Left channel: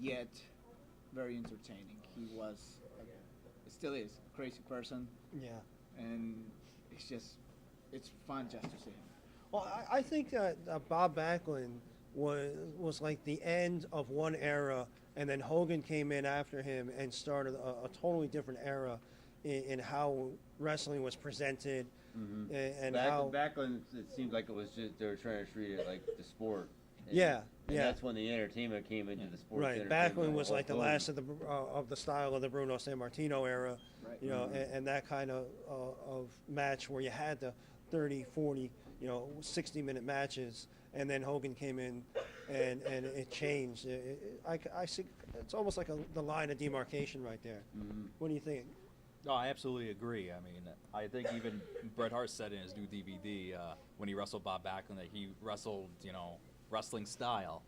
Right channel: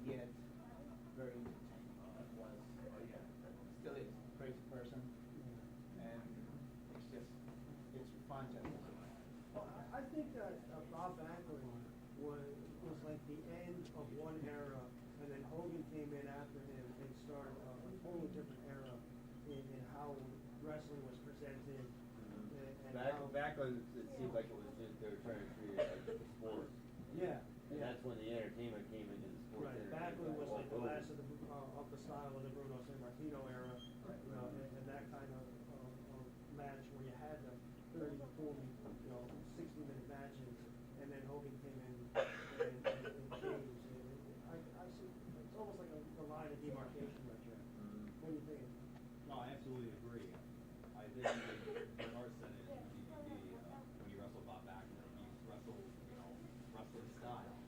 yet very entertaining. He was, still is, a crazy person, Yeah. and it's fun just to see. Well, I think that Bob Backlund was like the end of one era, and then Hogan came in after him and started a totally different era in how wrestling was presented, and how. Back when it seemed like it was just they were trying to treat it like the sport. And, Yeah, and yeah. that's when the entertainment came into the sport. Right, Backlund was like the last of the style of the Bruno Sammartino era, Right. you know, and that kind of match where you had the 30, 40, 60-minute matches, and then Hogan came in, and it changed. I see it's almost like the line of demarcation right there. What do you think? No, I absolutely agree. I mean, I think even Bret Hart said in his new DVD when he wrestled Bob Backlund that he wrestled, wrestling style,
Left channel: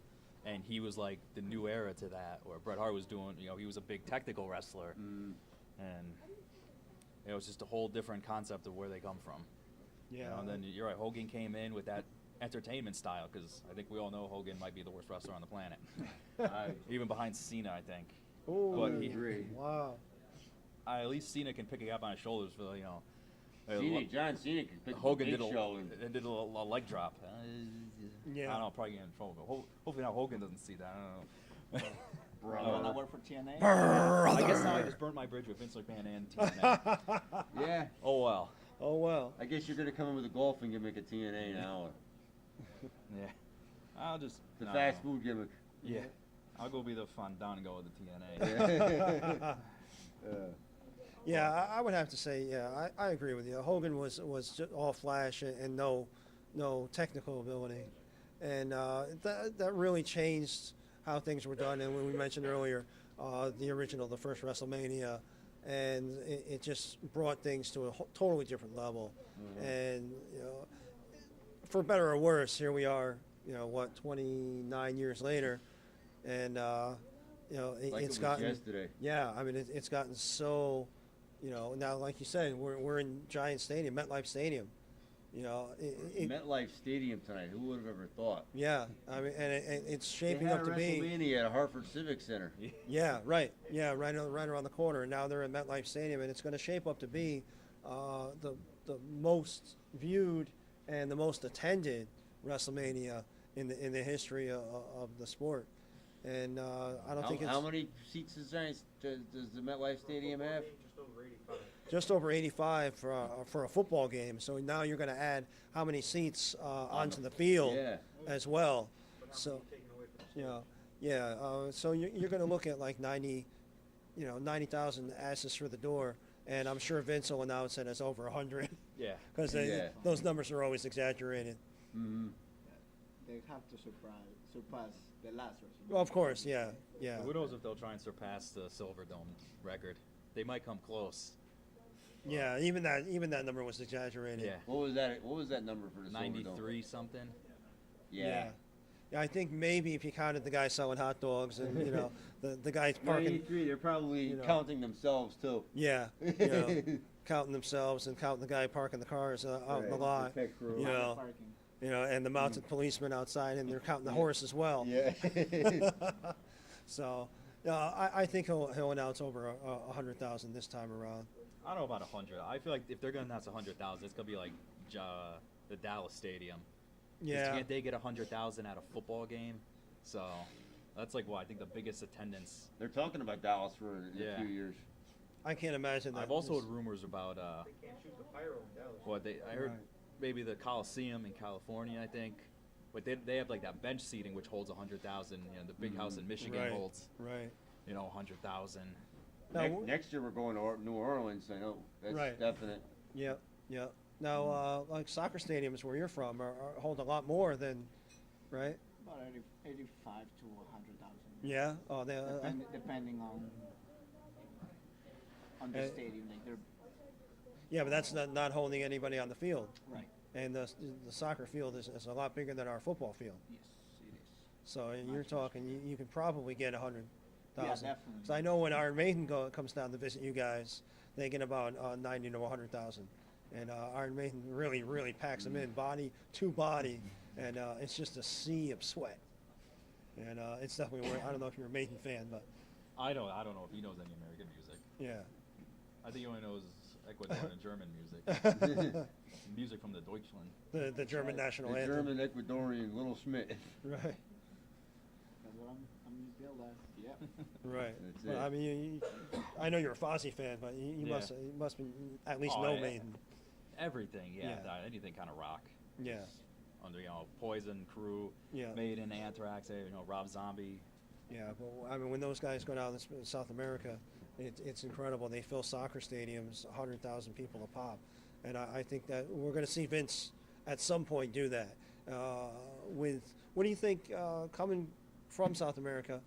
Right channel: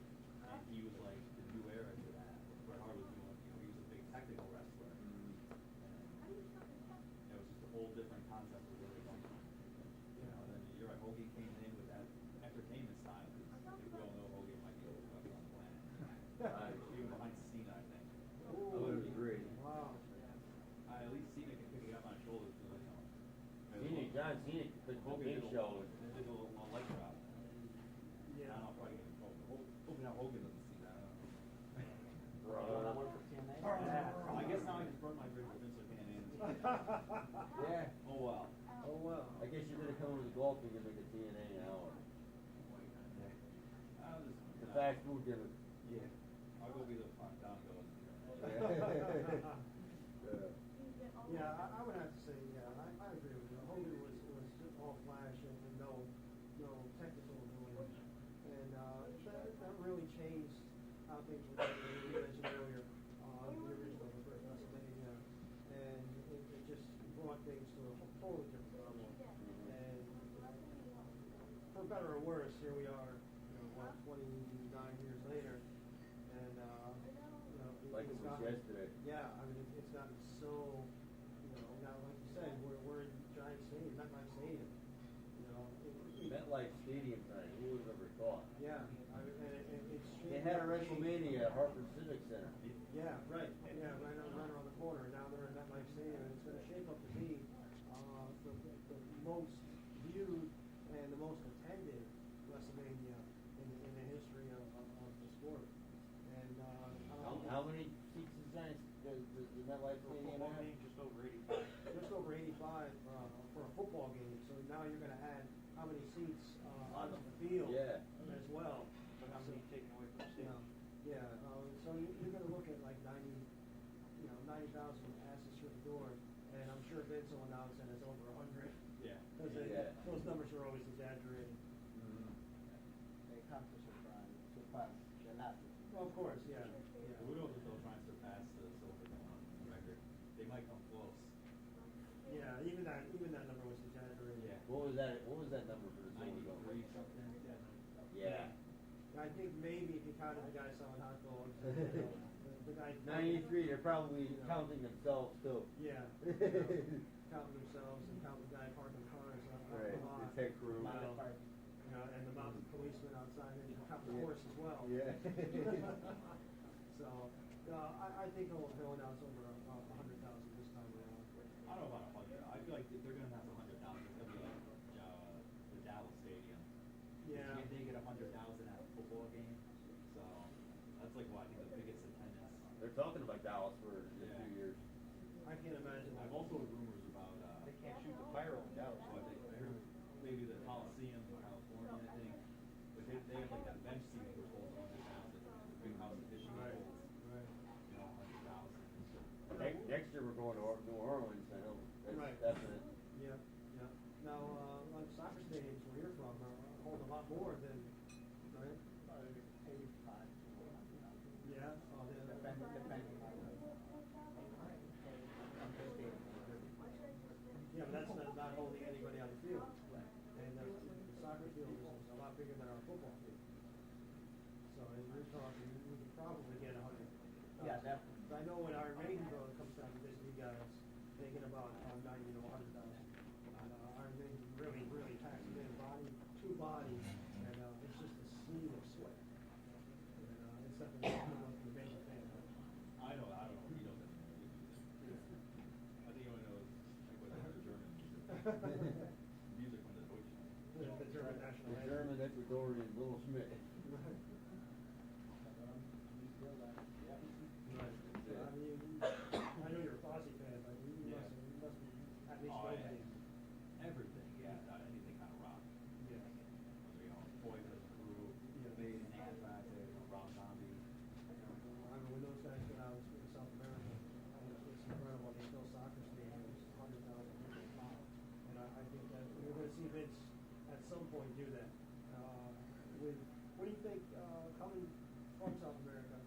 and he was like the new era to that. Where Bret Hart was doing, he was a big technical wrestler, and it was just a whole different concept of where they come from. Yeah. And then you're right, Hogan came in with that entertainment style, because I think we all know Hogan might be the worst wrestler on the planet, even behind Cena, I think. Ooh, But wow. At least Cena can pick it up on his shoulders for John Cena could pick Hogan the did big show. did a leg drop. Yeah. I don't know, probably getting in trouble. But hopefully now Hogan doesn't see that. I don't know. Well, that work for TNA? I guess now I just burnt my bridge with Vince McMahon and TNA. Yeah. Oh well. Oh well. I guess you're gonna come in with a golfing gimmick at TNA now. Yeah. I'll just The no, fast food gimmick. Yeah. I'll go be the Fandango of the TNA. Yeah, I would have to say, yeah, I agree with you. Hogan was just all flash and no technical ability, and that really changed how things were done. And when we mentioned earlier, the first WrestleMania, and it just brought things to a totally different level. And for better or worse, here we are. 29 years later, and Like it's it was gotten yesterday. Yeah, I mean it's gotten so, now like you said, we're in Giant Stadium, MetLife Stadium, MetLife Stadium tonight. Who would have ever thought? yeah, I mean, and it's They shaping had up a to be. WrestleMania at Hartford Civic Center. Yeah, right. Yeah, right around the corner. And now they're at MetLife Stadium, and it's going to shape up to be the most viewed and the most attended WrestleMania in the history of the sport. And I don't think it's How many seats does the MetLife Stadium have? just over 85 for a football game. So now you're going to add how many seats onto the field Yeah. as well. So, so you're going to look at like 90,000 asses through the door, and I'm sure Vince will announce it as over 100 Yeah. because those numbers are always exaggerated. Mm-hmm. They have to surpass the last WrestleMania. Well, of course, yeah. Who knows if they'll try and surpass the Silver Dome record? They might come close. Yeah, even that number was exaggerated. Yeah. What was that number for the Silver Dome? 93 something. Yeah. Yeah, I think maybe if you counted the guy selling hot dogs and the guys parking. 93. They're probably counting themselves too. Yeah, counting themselves and counting the guy parking the cars out in the lot. The pit crew. And the mounted policemen outside, and they're counting the horse as well. Yeah. So, I think he'll announce over 100,000 this time around. I don't know about 100. I feel like if they're gonna announce 100,000, it's gonna be like the Dallas Stadium. Yeah. Can't they get 100,000 at a football game? So that's like I think the biggest attendance. They're talking about Dallas for a few years. I can't imagine that. I've also heard rumors about They can't shoot the pyro in Dallas. I heard maybe the Coliseum in California, I think, but they have like that bench seating which holds 100,000. The big house in Michigan holds 100,000. Next year we're going to New Orleans. I know that's definite. Yeah. Now, like soccer stadiums where you're from hold a lot more than, right? About 85 to 100,000. Yeah. Oh, they. Depending on the stadium. Yeah, but that's not holding anybody on the field. Right. And the soccer field is a lot bigger than our football field. Yes, So you're talking, you can probably get 100,000. Yeah, definitely. So I know when Iron Maiden comes down to visit you guys, they get about 90 to 100,000. And Iron Maiden really, really packs them in, body to body, and it's just a sea of sweat. and it's definitely worth. I don't know if you're a Maiden fan, but I don't know if he knows any American music. yeah. I think he only knows Ecuadorian and German music. Music from the Deutschland. The German national The anthem. German Ecuadorian Little Schmidt. Right. That's what I'm still left. Yeah. Right. That's Well, it. I mean, I know you're a Fozzy fan, but you Yeah. must be at least Oh, know yeah. Maiden. Everything, yeah. Yeah. Anything kind of rock. Yeah. Under, Poison, Crew, Yeah. Maiden, Anthrax, Rob Zombie. Yeah. Well, I mean, when those guys go down to South America, it's incredible. They fill soccer stadiums, 100,000 people a pop, and I think that we're going to see Vince at some point do that. With what do you think coming from South America?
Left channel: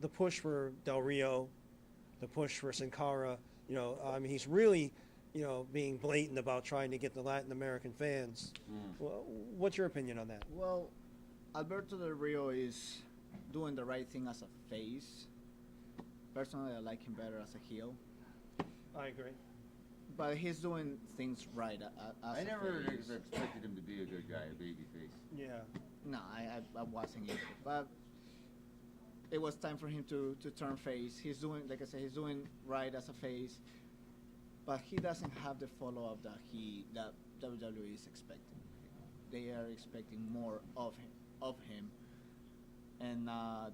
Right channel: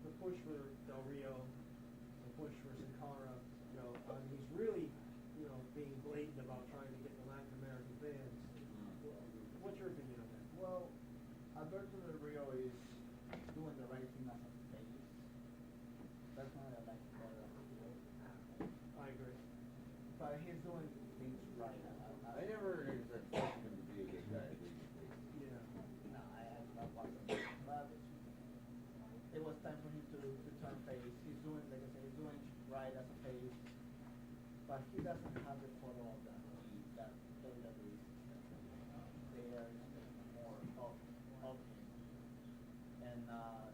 The push for Del Rio, the push for Sin Cara. I mean, he's really, being blatant about trying to get the Latin American fans. Well, what's your opinion on that? Well, Alberto Del Rio is doing the right thing as a face. Personally, I like him better as a heel. I agree. But he's doing things right as I a never face. expected him to be a good guy, a babyface. Yeah. No, I wasn't either. But it was time for him to turn face. He's doing, like I said, he's doing right as a face. But he doesn't have the follow-up that WWE is expecting. They are expecting more of him. And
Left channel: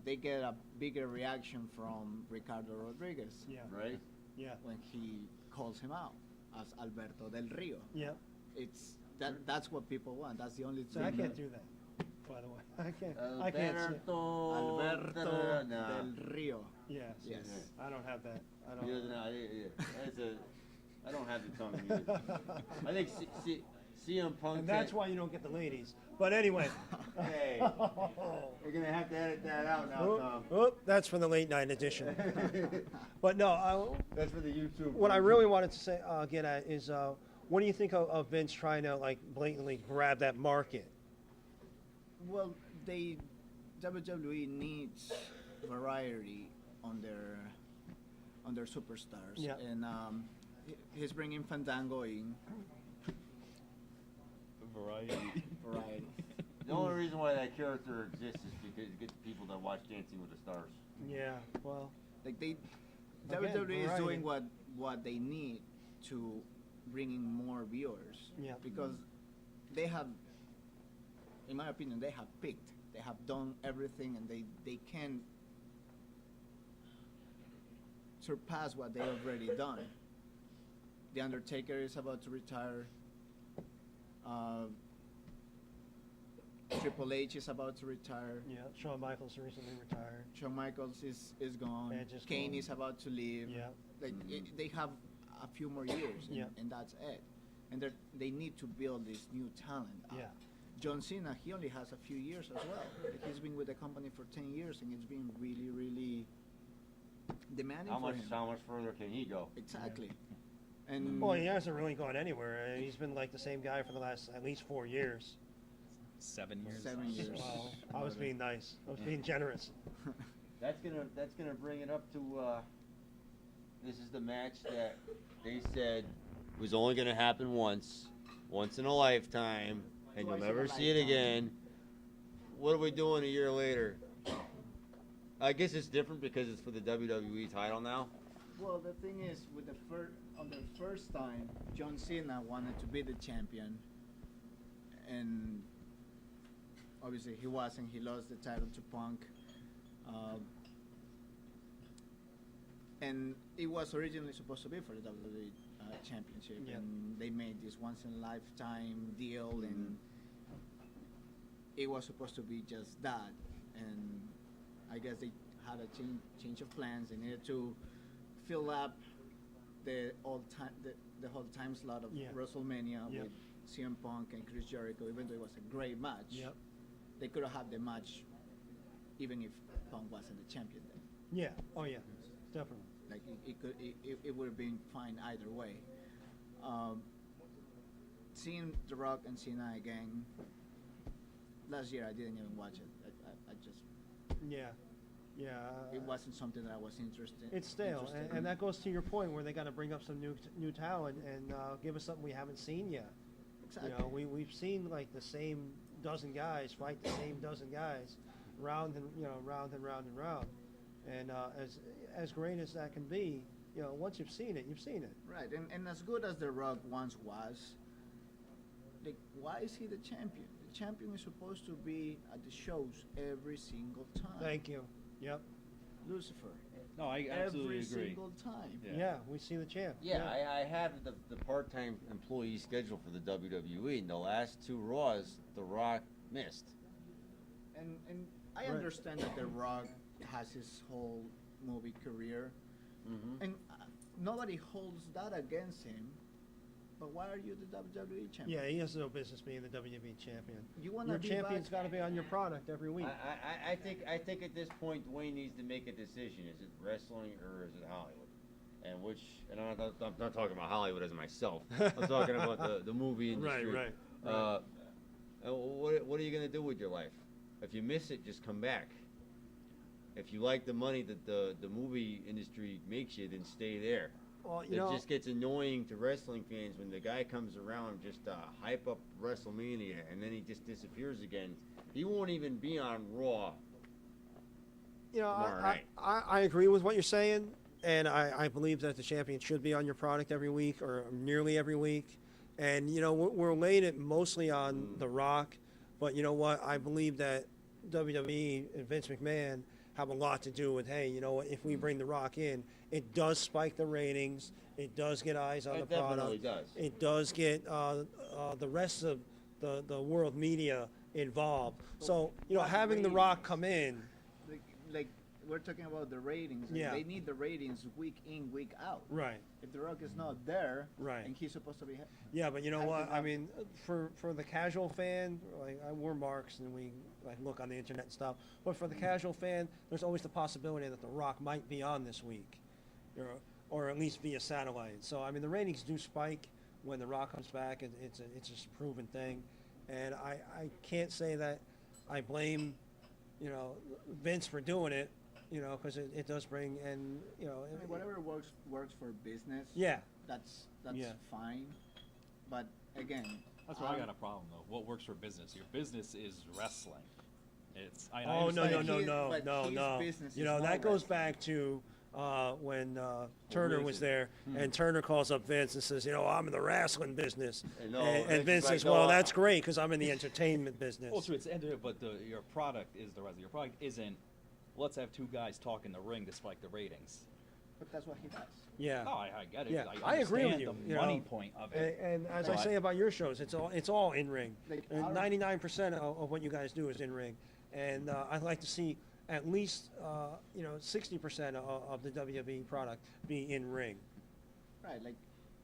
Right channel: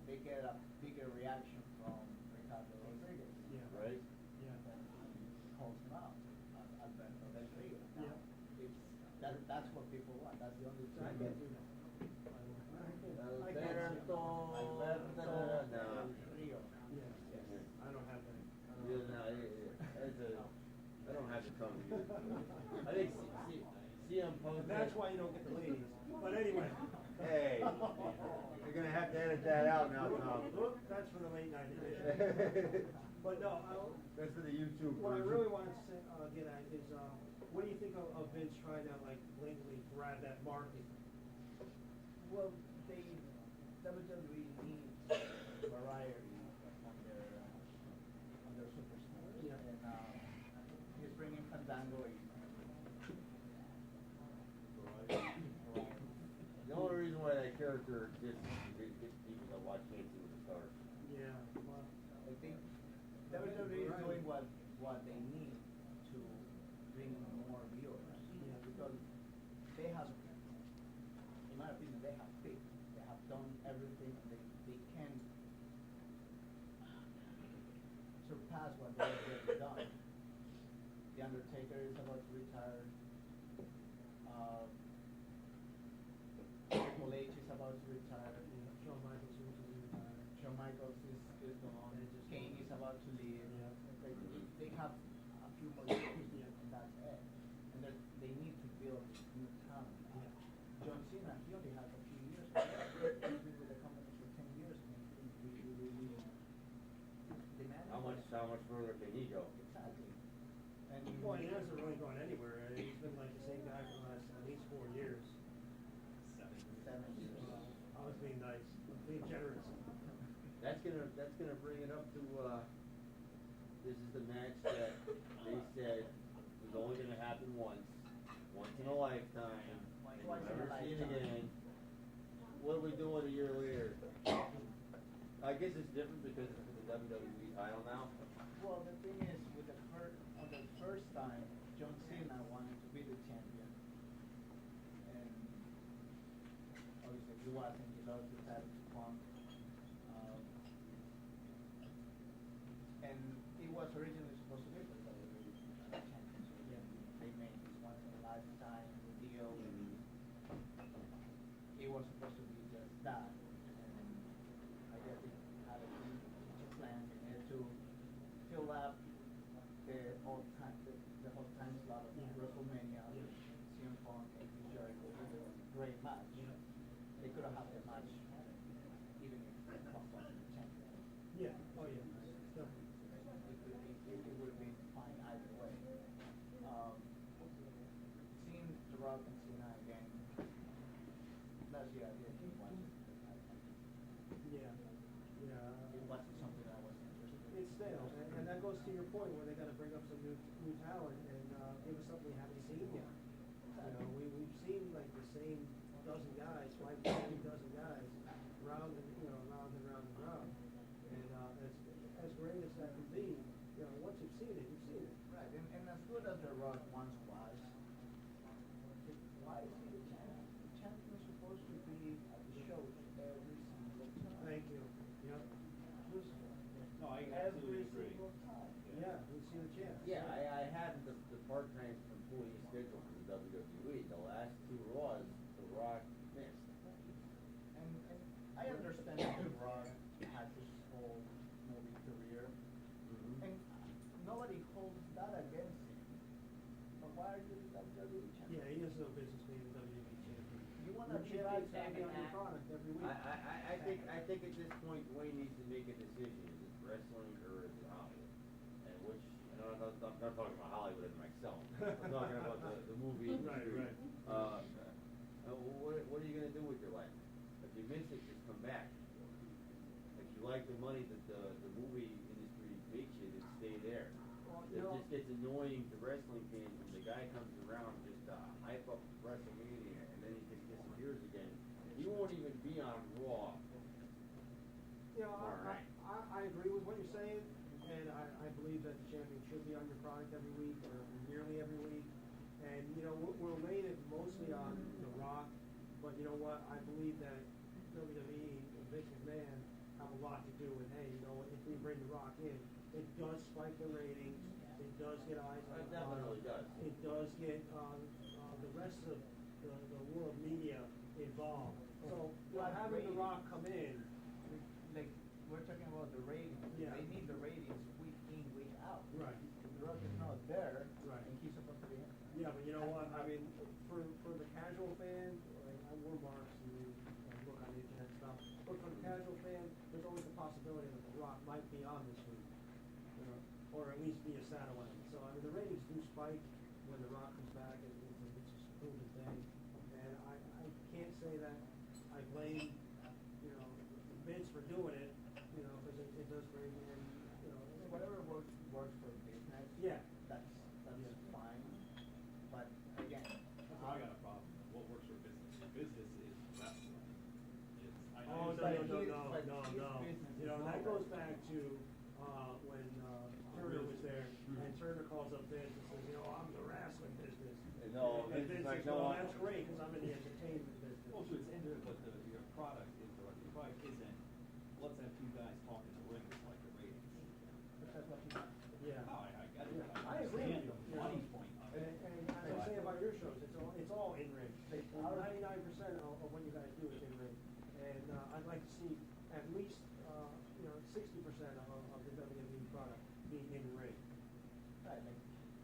they get a bigger reaction from Ricardo Rodriguez. Yeah. Right? Yeah. When he calls him out as Alberto Del Rio. Yeah. That's what people want. That's the only So thing. I can't do that, by the way. I can't. Alberto Del Rio. Yes. Yes. I don't have that. I don't. He doesn't. I don't have the tongue either. I think CM Punk. And that's why you don't get the ladies. But anyway. Hey, you're gonna have to edit that out now, Tom. That's for the late night edition. But no, That's for the YouTube. what I really wanted to say, get at is, what do you think of Vince trying to blatantly grab that market? Well, WWE needs variety on their superstars, Yeah. and he's bringing Fandango in. Variety. Variety. The only reason why that character exists is because it gets people that watch Dancing with the Stars. Yeah, well, Like Again, WWE is variety. doing what they need to bring in more viewers. Yeah. Because they have, in my opinion, they have picked. They have done everything, and they can surpass what they already done. The Undertaker is about to retire. Triple H is about to retire. yeah, Shawn Michaels recently retired. Shawn Michaels is gone. Edge is Kane gone. is about to leave. Yeah. They have a few more years, Yeah. and that's it. And they need to build this new talent up. Yeah. John Cena, he only has a few years as well. He's been with the company for 10 years, and it's been really, really demanding How for much him. further can he go? Exactly. And Well, he hasn't really gone anywhere. He's been the same guy for the last at least 4 years. 7 years. 7 years. Well, I was being nice. I was being generous. That's gonna bring it up to. This is the match that they said was only gonna happen once in a lifetime, and you'll Twice in never a see it lifetime. again. What are we doing a year later? I guess it's different because it's for the WWE title now. Well, the thing is, with on the first time, John Cena wanted to be the champion, and obviously he wasn't. He lost the title to Punk, and it was originally supposed to be for the WWE Championship, Yeah. and they made this once-in-a-lifetime deal, and it was supposed to be just that, and I guess they had a change of plans. They needed to fill up the whole time slot of Yeah. WrestleMania Yeah. with CM Punk and Chris Jericho. Even though it was a great match, Yep. they could have had the match even if Punk wasn't the champion. Yeah. Oh, yeah. Definitely. Like it would have been fine either way. Seeing The Rock and Cena again last year, I didn't even watch it. I just Yeah. Yeah. it wasn't something that I was interested. It's stale, interested in. and that goes to your point where they got to bring up some new talent and give us something we haven't seen yet. Exactly. You know, we've seen the same dozen guys fight the same dozen guys, round and round and round and round. And as great as that can be, once you've seen it, you've seen it. Right, and as good as The Rock once was, like, why is he the champion? The champion is supposed to be at the shows every single time. Thank you. Yep. Lucifer. No, I absolutely every agree. single time. Yeah, we see the champ. Yeah, I have the part-time employee schedule for the WWE, and the last 2 Raws, The Rock missed. And I Right. understand that The Rock has his whole movie career, and nobody holds that against him. But why are you the WWE champion? Yeah, he has no business being the WWE champion. You wanna Your be champion's back- got to be on your product every week. I think at this point Dwayne needs to make a decision: is it wrestling or is it Hollywood? And I'm not talking about Hollywood as myself. I'm talking about the movie industry. Right. What are you gonna do with your life? If you miss it, just come back. If you like the money that the movie industry makes you, then stay there. Well, It just gets annoying to wrestling fans when the guy comes around just to hype up Wrestlemania and then he just disappears again. He won't even be on Raw. Tomorrow night. I agree with what you're saying, and I believe that the champion should be on your product every week or nearly every week. And, we're laying it mostly on The Rock, but you know what? I believe that WWE and Vince McMahon have a lot to do with, hey, if we bring The Rock in, it does spike the ratings, it does get eyes on It the product. definitely does. It does get the rest of the world media involved. So, having The Rock come in, Like we're talking about the ratings. Yeah. They need the ratings week in, week out. right. If The Rock is not there, Right. and he's supposed to be. Yeah, but you know I what? think I that- mean, for the casual fan, like we're marks and we look on the internet and stuff. But for the casual fan, there's always the possibility that The Rock might be on this week, or at least via satellite. So I mean, the ratings do spike when The Rock comes back, and it's just a proven thing. And I can't say that I blame Vince for doing it, because it does bring I mean, whatever works for business. Yeah. That's Yeah. fine. But again, That's where I got a problem though. What works for business? Your business is wrestling. It's I Oh, no, understand- But his no. business is That more goes wrestling. back to when Turner was there, and Turner calls up Vince and says, I'm in the wrestling business. And Vince says, well, that's great because I'm in the entertainment business. Well, true. It's but your product is the wrestling. Your product isn't. Let's have 2 guys talk in the ring to spike the ratings. But that's what he does. Yeah. No, I get it. Yeah, I I agree with understand you, The money point of it. And as I But- say about your shows, it's all in ring. Like And our- 99% of what you guys do is in ring. And I'd like to see at least 60% of the WWE product be in ring. Right, like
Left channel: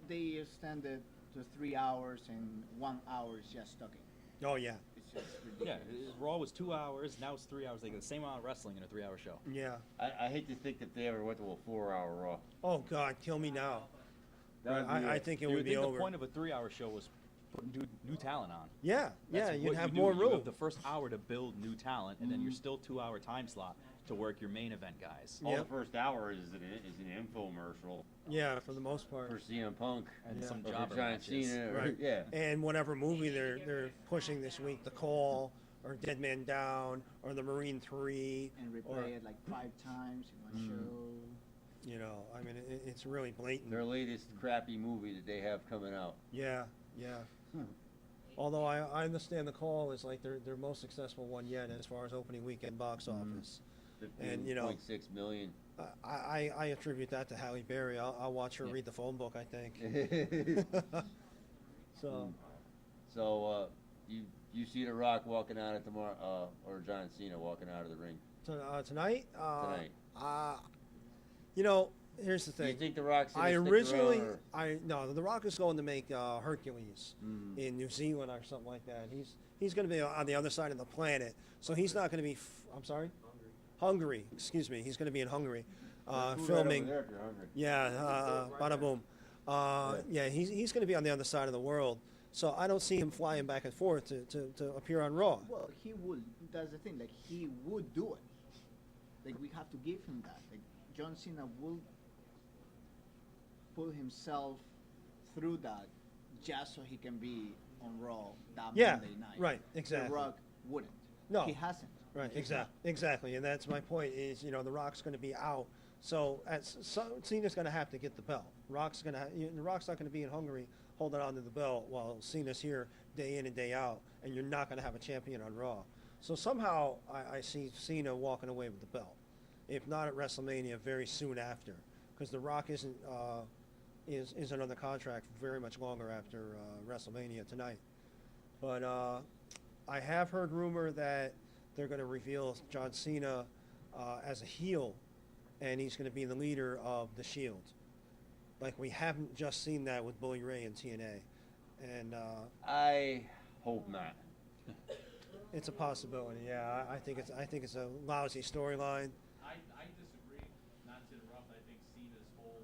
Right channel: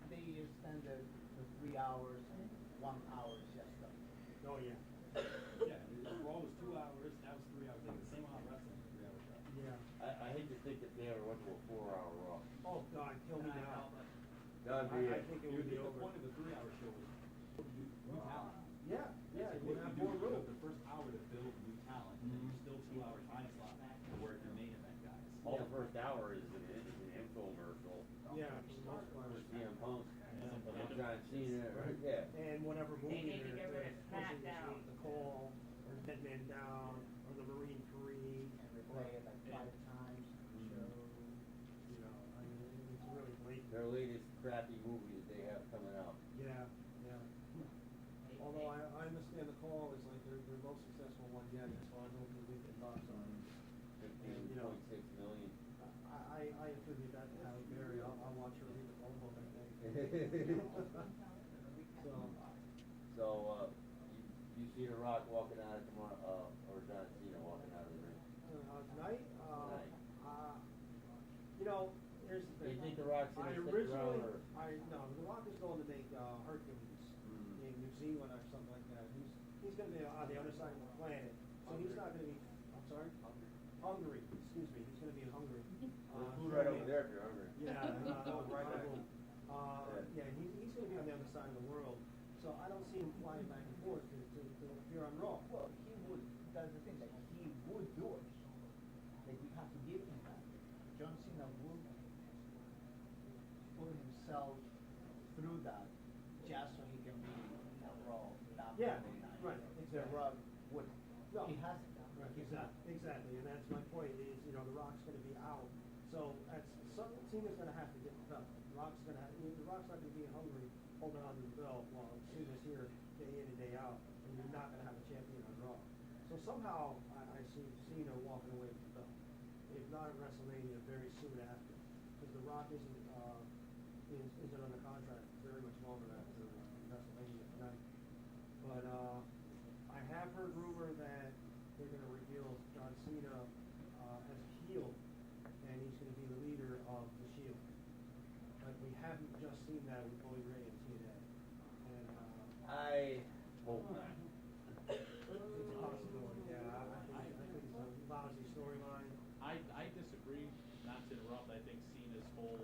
they extended to 3 hours and 1 hour is just talking. Oh yeah, It's just Yeah, Raw was 2 hours. Now it's 3 hours. They get the same amount of wrestling in a 3-hour show. yeah. I hate to think that they ever went to a 4-hour Raw. Oh God, kill me now. That'd be I it. think it You would be think over. the point of a 3-hour show was put new talent on. Yeah, That's you'd what have you do. more You room. have the first hour to build new talent, and then you're still 2-hour time slot to work your main event guys. All Yep. the first hour is an infomercial Yeah, for the most part. for CM Punk And Yeah. some or jobber for John matches. Cena. Right. Yeah. And whatever movie they're pushing this week, The Call, or Dead Man Down, or The Marine 3, and or replay it like 5 times in my show. I mean, it's really blatant. Their latest crappy movie that they have coming out. Yeah. Although I understand The Call is like their most successful one yet as far as opening weekend box office. And, 15.6 million. I attribute that to Halle Berry. I'll watch her read the phone book, I think. So, You see The Rock walking out at tomorrow, or John Cena walking out of the ring tonight? tonight. Here's the Do you thing. think The Rock's gonna I stick originally, around, or- The Rock is going to make Hercules in New Zealand or something like that. He's going to be on the other side of the planet, so he's not going to be. I'm sorry, Hungary. Excuse me. He's going to be in Hungary, Food right over filming. there if you're hungry. Yeah, bada boom. Yeah, he's going to be on the other side of the world, so I don't see him flying back and forth to appear on Raw. Well, he would. That's the thing. Like he would do it. Like we have to give him that. Like John Cena will put himself through that just so he can be on Raw that Yeah, Monday night. right, exactly. The Rock wouldn't. No. He hasn't. Right, He's not. exactly, and that's my point. Is The Rock's going to be out, so Cena's going to have to get the belt. The Rock's not going to be in Hungary holding on to the belt while Cena's here day in and day out, and you're not going to have a champion on Raw. So somehow I see Cena walking away with the belt, if not at WrestleMania, very soon after, because The Rock isn't under contract very much longer after WrestleMania tonight. But I have heard rumor that they're going to reveal John Cena as a heel, and he's going to be the leader of the Shield. Like, we haven't just seen that with Bully Ray and TNA. And I hope not. it's a possibility. Yeah, I think it's a lousy storyline. I disagree. Not to interrupt, I think Cena's whole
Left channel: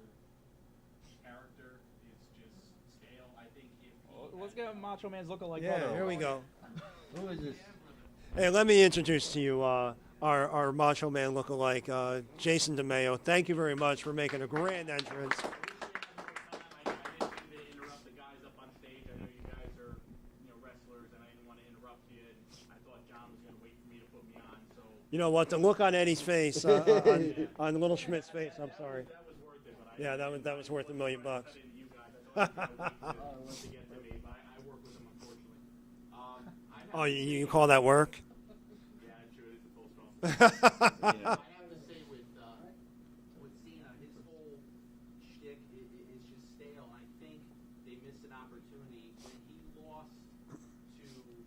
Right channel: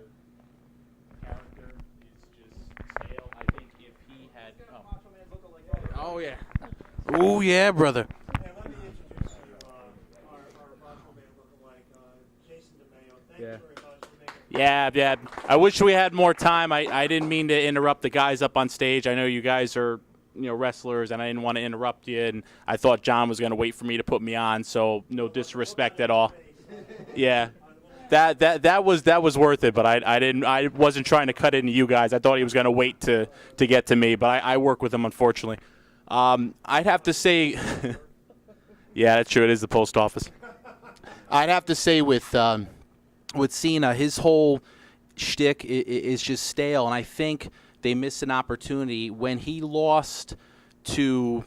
character is just stale. I think if he Let's had get Macho Man's looking like Yeah, brother. there we go. Oh yeah, brother. Hey, let me introduce to you our Macho Man lookalike, Jason DeMeo. Thank you very much for making a great Yeah. entrance. I wish we had more time. I didn't mean to interrupt the guys up on stage. I know you guys are wrestlers, and I didn't want to interrupt you. And I thought John was going to wait for me to put me on, so You know no what? The look disrespect on at all. Eddie's face, Yeah. on the little Schmidt That face, that was worth it, but I wasn't trying to cut into you guys. I thought he was going to wait to get to me, but I work with him, unfortunately. I'd have to say. You call that work? Yeah, that's true. It is the post office. I'd have to say with Cena, his whole shtick is just stale, and I think they missed an opportunity when he lost to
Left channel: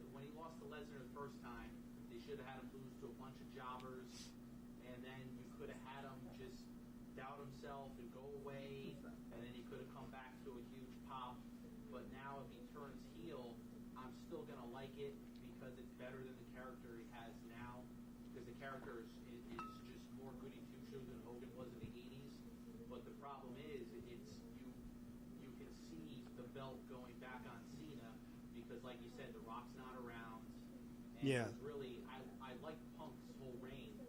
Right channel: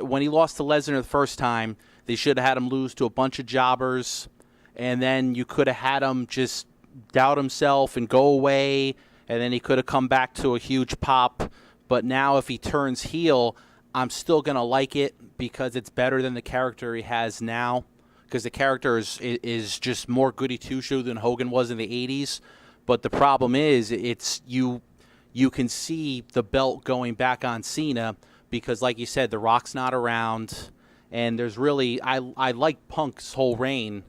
when he lost to Lesnar the first time. They should have had him lose to a bunch of jobbers, and then you could have had him just doubt himself and go away, and then he could have come back to a huge pop. But now if he turns heel, I'm still going to like it because it's better than the character he has now, because the character is just more goody two-shoe than Hogan was in the 80s. But the problem is you can see the belt going back on Cena because, like you said, The Rock's not around, and there's really I like Punk's whole reign,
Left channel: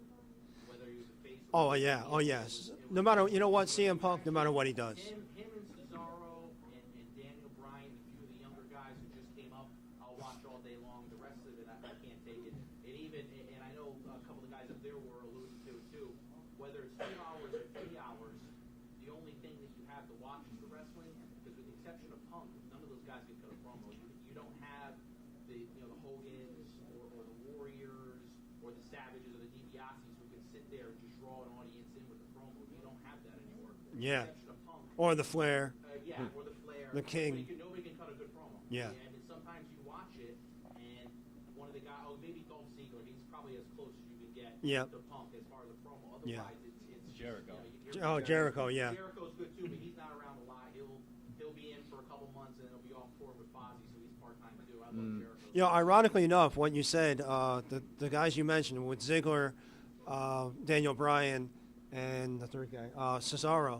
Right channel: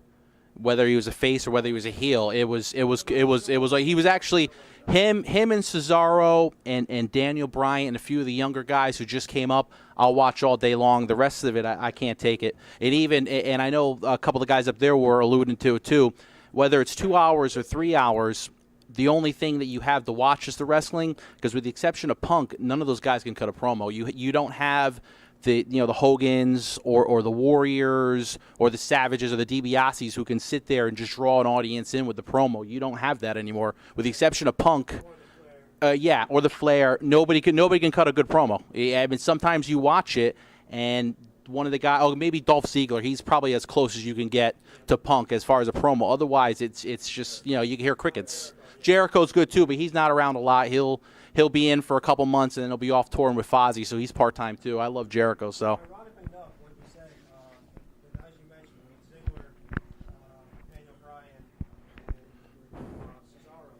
whether he was a face or whether he was a heel. It was like he was actually him and Cesaro and Daniel Bryan and a few of the younger guys who just came up. I'll watch all day long. The rest of it, I can't take it. And I know a couple of guys up there were alluding to it too. Whether it's 2 hours or 3 hours, the only thing that you have to watch is the wrestling. Because with the exception of Punk, none of those guys can cut a promo. You don't have the Hogans or the Warriors or the Savages or the DiBiases who can sit there and just draw an audience in with the promo. You don't have that anymore, with the exception of Punk or the Flair. Or the Flair. Nobody can cut a good promo. Yeah. I mean, sometimes you watch it and one of the guys, maybe Dolph Ziggler. He's probably as close as you can get to Punk as far as a promo. Otherwise, it's just you can hear crickets. Jericho, yeah. Jericho's good too, but he's not around a lot. He'll be in for a couple months, and then he'll be off touring with Fozzy, so he's part-time, too. I love Jericho. So, ironically enough, what you said, the guys you mentioned with Ziggler, Daniel Bryan, and the third guy, Cesaro,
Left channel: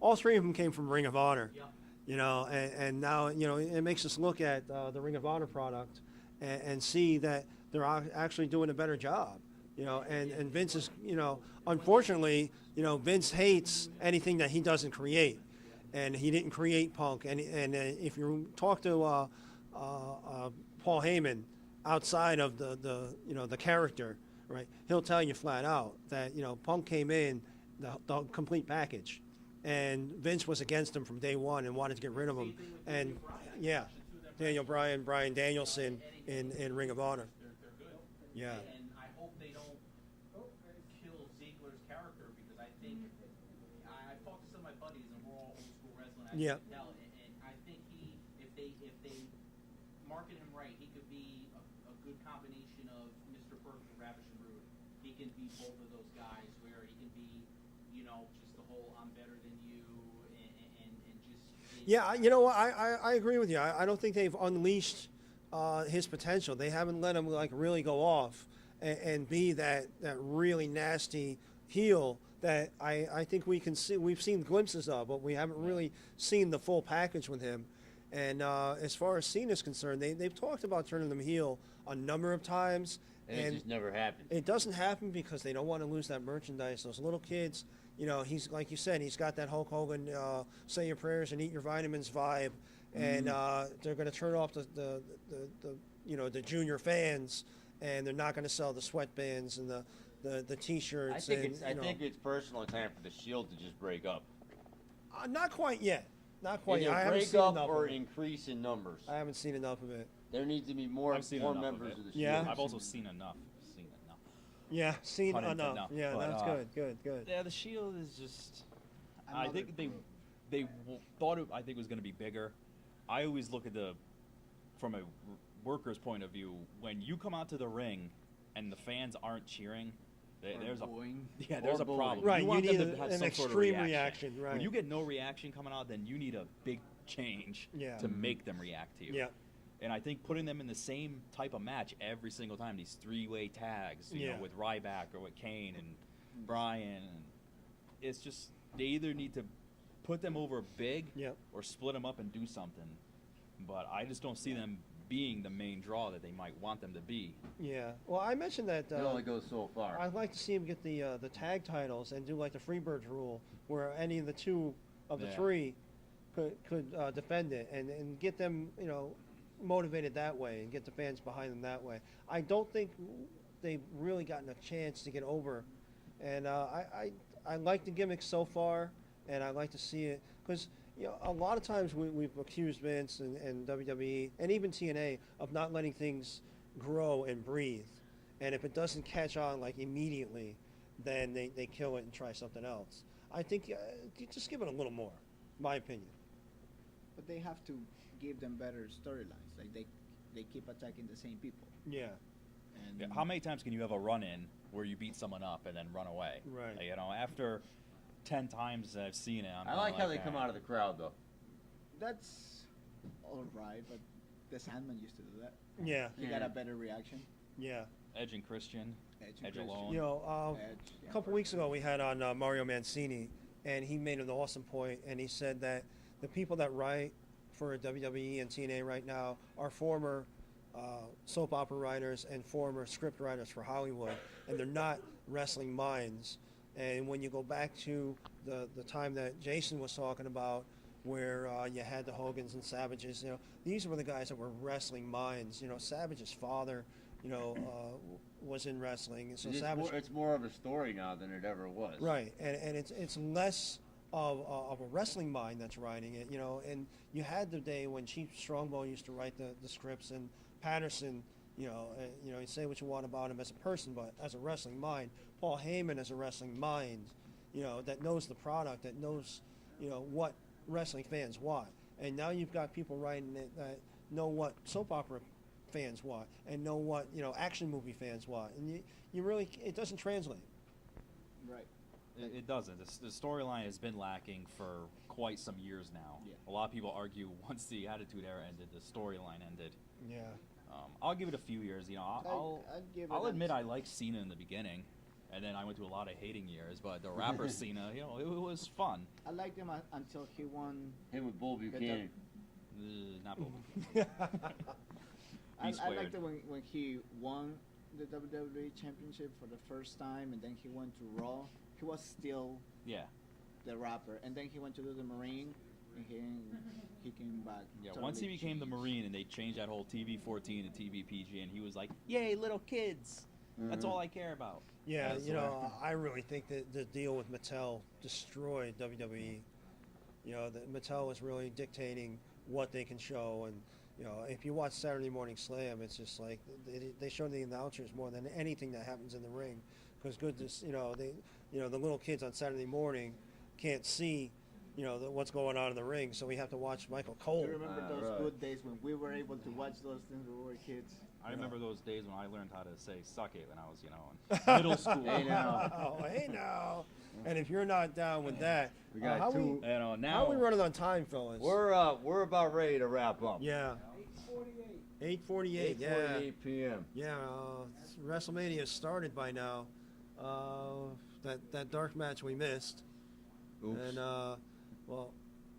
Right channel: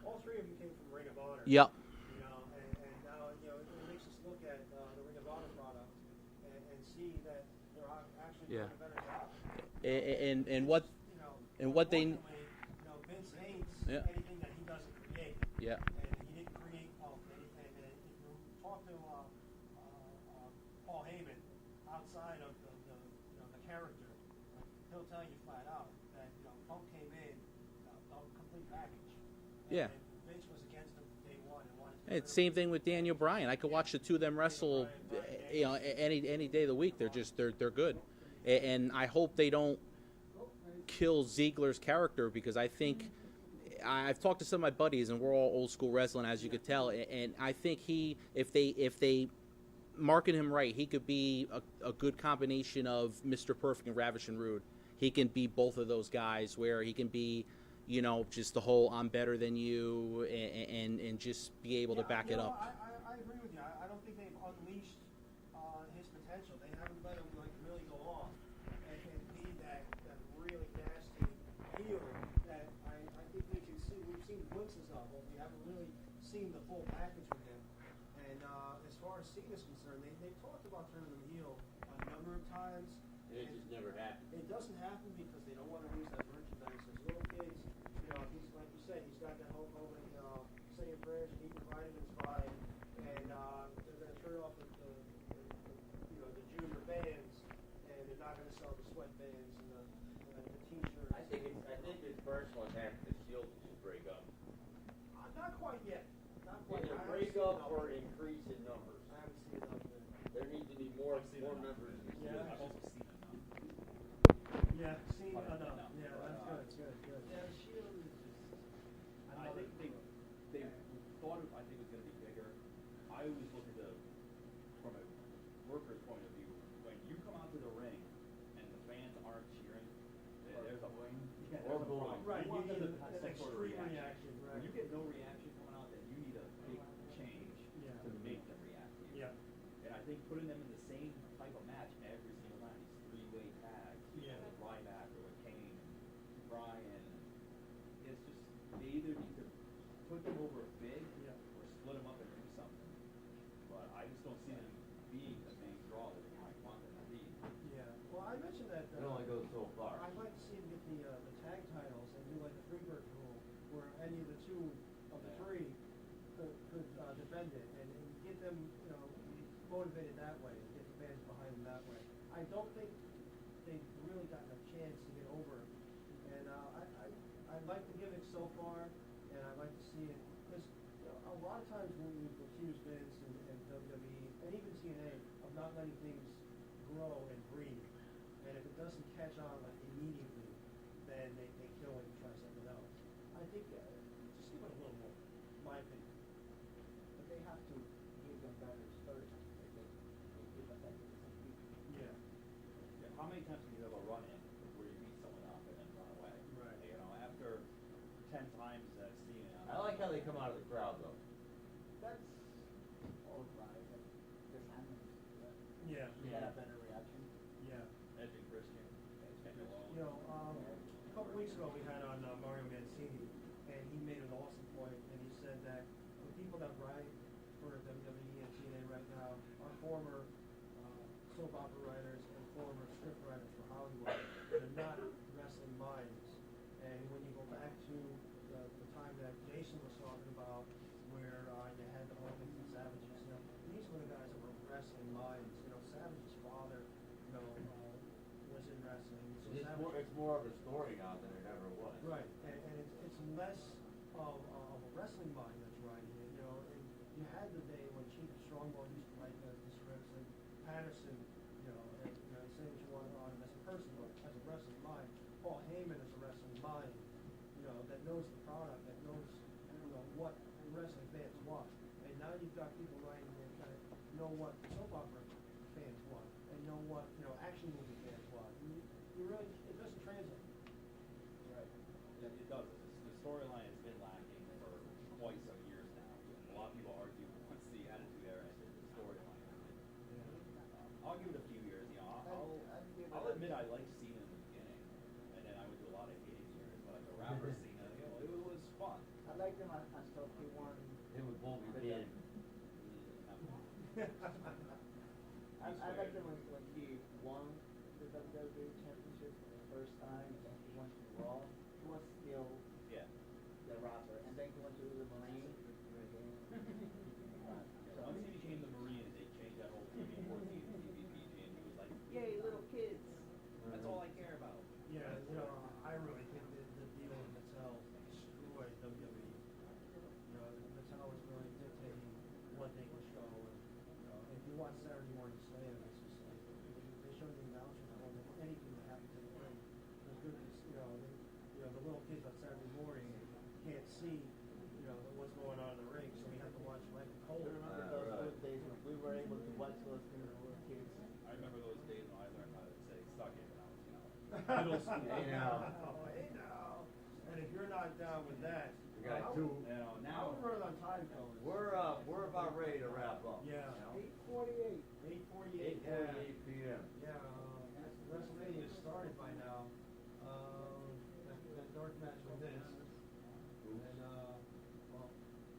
all three of them came from Ring of Honor. Yep. And now, it makes us look at the Ring of Honor product and see that they're actually doing a better job. And Vince is, unfortunately, Vince hates anything that he doesn't create. Yeah. And he didn't create Punk. And if you talk to Paul Heyman outside of the character, right, he'll tell you flat out that Punk came in the complete package. And Vince was against him from day one and wanted to get rid of him. Same thing with Daniel Bryan. I can watch the two of them wrestle. Daniel Bryan, Bryan Danielson, any day of the week. They're good. Yeah. And I hope they don't kill Ziggler's character, because I think I've talked to some of my buddies, and we're all old school wrestling, as you can tell. And I think if they market him right, he could be a good combination of Mr. Perfect and Ravishing Rude. He can be both of those guys, where he can be, just the whole I'm better than you, and just be able to back it up. I agree with you. I don't think they've unleashed his potential. They haven't let him really go off and be that really nasty heel that I think we can see. We've seen glimpses of, but we haven't really seen the full package with him. And as far as Cena's concerned, they've talked about turning him heel a number of times. And it just never happened. It doesn't happen because they don't want to lose that merchandise. Those little kids, he's like you said, he's got that Hulk Hogan say your prayers and eat your vitamins vibe, and they're going to turn off the the junior fans, and they're not going to sell the sweatbands and the T-shirts. I think it's personal time for the Shield to just break up. Not quite yet. Not quite. Either I haven't break seen up enough or of it. increase in numbers. I haven't seen enough of it. There needs to be more I've seen enough of members it. of the Yeah? Shield. I've also seen enough. Yeah, seen Pun intended, enough. no. Yeah, But, that's good. Yeah, the Shield is just. I Another- think they thought it. I think it was going to be bigger. I always look at from a worker's point of view. When you come out to the ring, and the fans aren't cheering, there's Or a booing. problem. Right, want you them need to have an some sort of extreme reaction. Right. When you get no reaction coming out, then you need a big change Yeah. to make them react to you. Yeah. And I think putting them in the same type of match every single time, these three-way tags, you Yeah. know, with Ryback or with Kane and Bryan, it's just they either need to put them over big Yeah. or split them up and do something. But I just don't see them being the main draw that they might want them to be. Yeah. Well, I mentioned that. It only goes so far. I'd like to see him get the tag titles and do like the Freebirds rule, where any of the two of the Yeah. three could defend it and get them, motivated that way and get the fans behind them that way. I don't think they've really gotten a chance to get over, and I like the gimmick so far, and I like to see it because a lot of times we've accused Vince and WWE and even TNA of not letting things grow and breathe, and if it doesn't catch on like immediately, then they kill it and try something else. I think you just give it a little more, my opinion. But they have to give them better storylines. Like they keep attacking the same people. Yeah. And Yeah, how many times can you have a run-in where you beat someone up and then run away? Right. You know, after 10 times that I've seen it, I'm I like how they "Ah." come out of the crowd though. That's all right, but the Sandman used to do that. Yeah. He got a better reaction. Yeah. Edge and Christian, Edge Edge and alone. Edge, A couple weeks ago we had on Mario Mancini, and he made an awesome point, and he said that the people that write for WWE and TNA right now are former soap opera writers and former script writers for Hollywood, and they're not wrestling minds. And when you go back to the time that Jason was talking about, where you had the Hogans and Savages, these were the guys that were wrestling minds. Savage's father, was in wrestling, and so Savage. It's more of a story now than it ever was. Right, and it's less of a wrestling mind that's writing it, and you had the day when Chief Strongbow used to write the scripts, and Patterson, you say what you want about him as a person, but as a wrestling mind, Paul Heyman as a wrestling mind, that knows the product, that knows, what wrestling fans want, and now you've got people writing it that know what soap opera fans want and know what action movie fans want, and you really it doesn't translate. Right. It doesn't. The storyline has been lacking for quite some years now. Yeah. A lot of people argue once the Attitude Era ended, the storyline ended. Yeah. I'll give it a few years. I'll admit I liked Cena in the beginning, and then I went through a lot of hating years. But the rapper Cena, it was fun. I liked him until he won. Him with Bull Buchanan. Not I liked it when he won the WWE Championship for the first time, and then he went to Raw. He was still Yeah. the rapper, and then he went to do the Marine, and he came back. Yeah, totally once he became the changed. Marine and they changed that whole TV-14 to TV-PG, and he was like, "Yay, little kids! That's all I care about." Yeah, That's what I really think that the deal with Mattel destroyed WWE. That Mattel was really dictating what they can show, and if you watch Saturday Morning Slam, it's just like they show the announcers more than anything that happens in the ring, because the little kids on Saturday morning can't see, what's going on in the ring, so we have to watch Michael Cole. You remember those Right. good days when we were able to watch those things when we were kids? I remember those days when I learned how to say "suck it" when I was, in middle school. Hey, now. Hey now. And if you're not down with that, We got how two. how Now are we running on time, fellas? We're about ready to wrap up. Yeah. 8:48. Yeah. 8 p.m. Yeah. WrestleMania started by now. That dark match we missed. Oops. And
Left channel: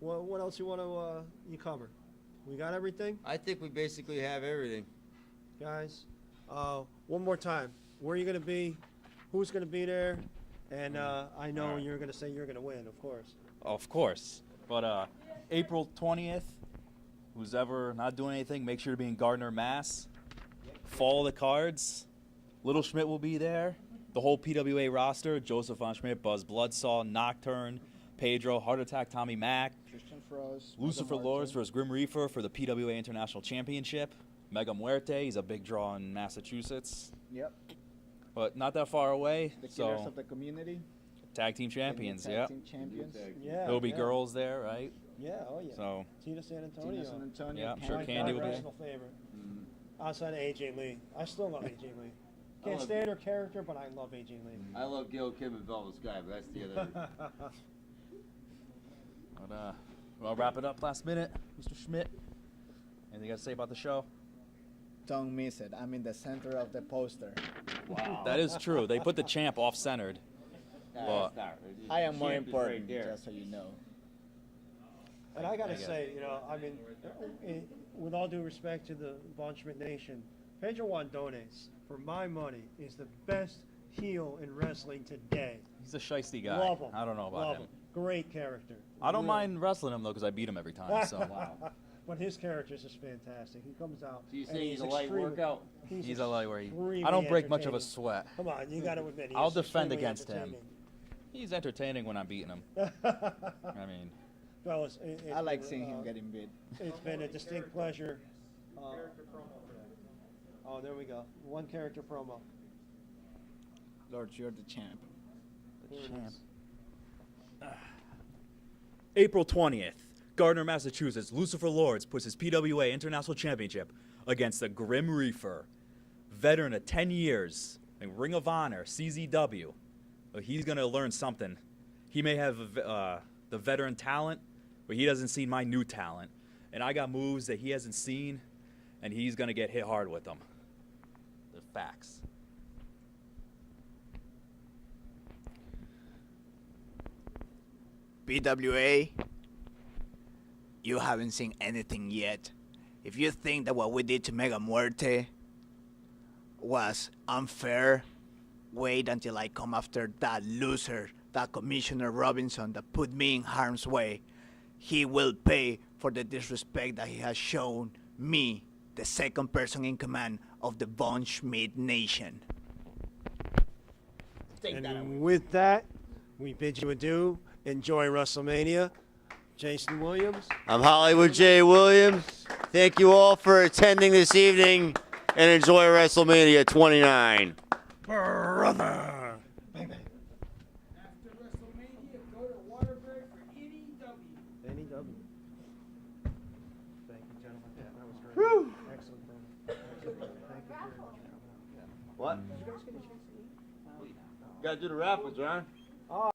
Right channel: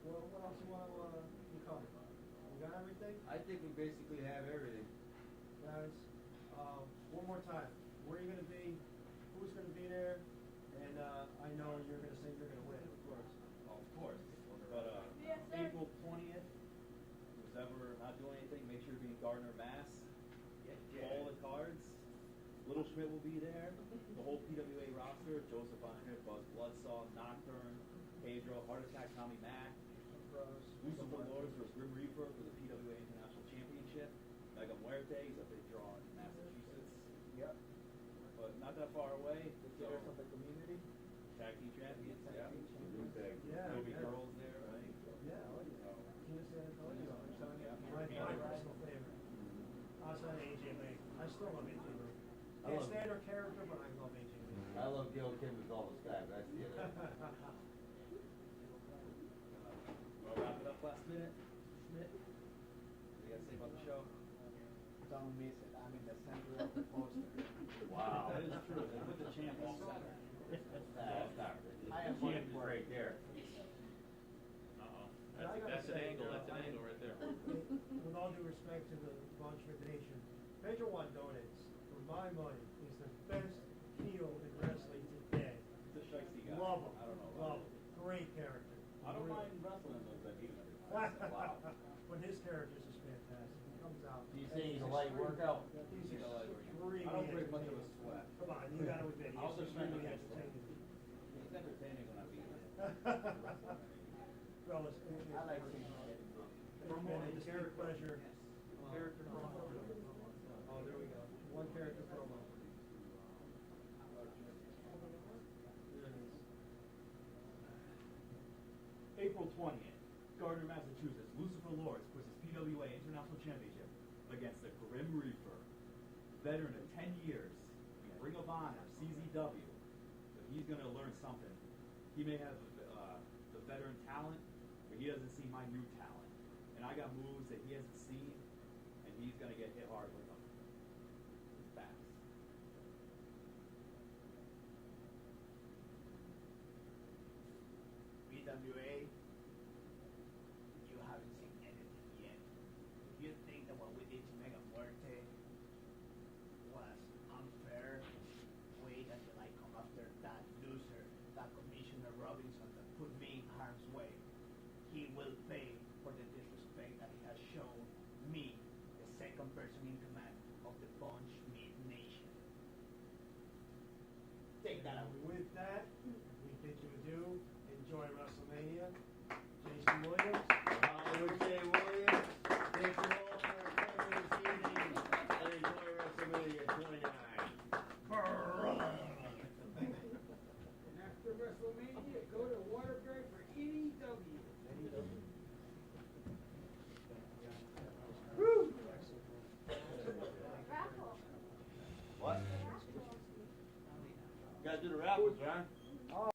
what else you want to you cover? We got everything, I think we basically have everything. guys. One more time. Where are you gonna be? Who's gonna be there? And I know you're gonna say you're gonna win, of course. Of course. But April 20th, who's ever not doing anything, make sure to be in Gardner, Mass. Follow the cards. Little Schmidt will be there. The whole PWA roster: Joseph Von Schmidt, Buzz Bloodsaw, Nocturne, Pedro, Heart Attack, Tommy Mack, Christian Frost, Lucifer Lords versus Grim Reaper for the PWA International Championship. Mega Muerte, he's a big draw in Massachusetts, Yep. but not that far away. The Killers So of the Community. tag team champions, the new yeah. Tag team champions. Yeah. There'll be yeah. girls there, right? Yeah, oh yeah. So Tina San Antonio. Tina San Antonio. Yeah, I'm sure My Candy will be there. personal favorite. Outside of AJ Lee. I still love AJ Lee. I Can't love stand her character, but I love AJ Lee. I love Gil Kim and Velvet Sky, but that's the other. But we'll wrap it up last minute. Mr. Schmidt, anything you got to say about the show? Don't miss it. I'm in the center of the poster. Wow. That is true. They put the champ off-centered. But I am more Champ is important, right there. just so you know. And I gotta Yeah. say, you know, I mean, with all due respect to the Von Schmidt Nation, Pedro Wandones, for my money, is the best heel in wrestling today. he's a shiesty guy. Love him. I don't know about Love him. Great character. I don't Really. mind wrestling him though, because I beat him every time. So But his character is just fantastic. He comes out. So you and say he's a light extreme- workout? he's a lightweight. extremely I don't break much of a entertaining. sweat. Come on, you gotta admit. I'll he's defend extremely against him. He's entertaining when I'm beating him. I mean, Fellas, I like seeing him getting beat. It's been a distinct pleasure. Oh, there we go. One character promo. Lord, you're the champ. Here it is. April 20th, Gardner, Massachusetts. Lucifer Lords puts his PWA International Championship against the Grim Reaper, veteran of 10 years in Ring of Honor, CZW. He's going to learn something. He may have the veteran talent, but he doesn't see my new talent. And I got moves that he hasn't seen, and he's going to get hit hard with them. The facts. PWA, you haven't seen anything yet. If you think that what we did to Mega Muerte was unfair, wait until I come after that loser, that Commissioner Robinson that put me in harm's way. He will pay for the disrespect that he has shown me, the second person in command of the Von Schmidt Nation. And with that, we bid you adieu. Enjoy WrestleMania. Jason Williams. I'm Hollywood J. Williams. Thank you all for attending this evening and enjoy WrestleMania 29. Brother. After WrestleMania, go to Waterbury for NEW. NEW. Woo! What? You gotta do the raffles, Ron.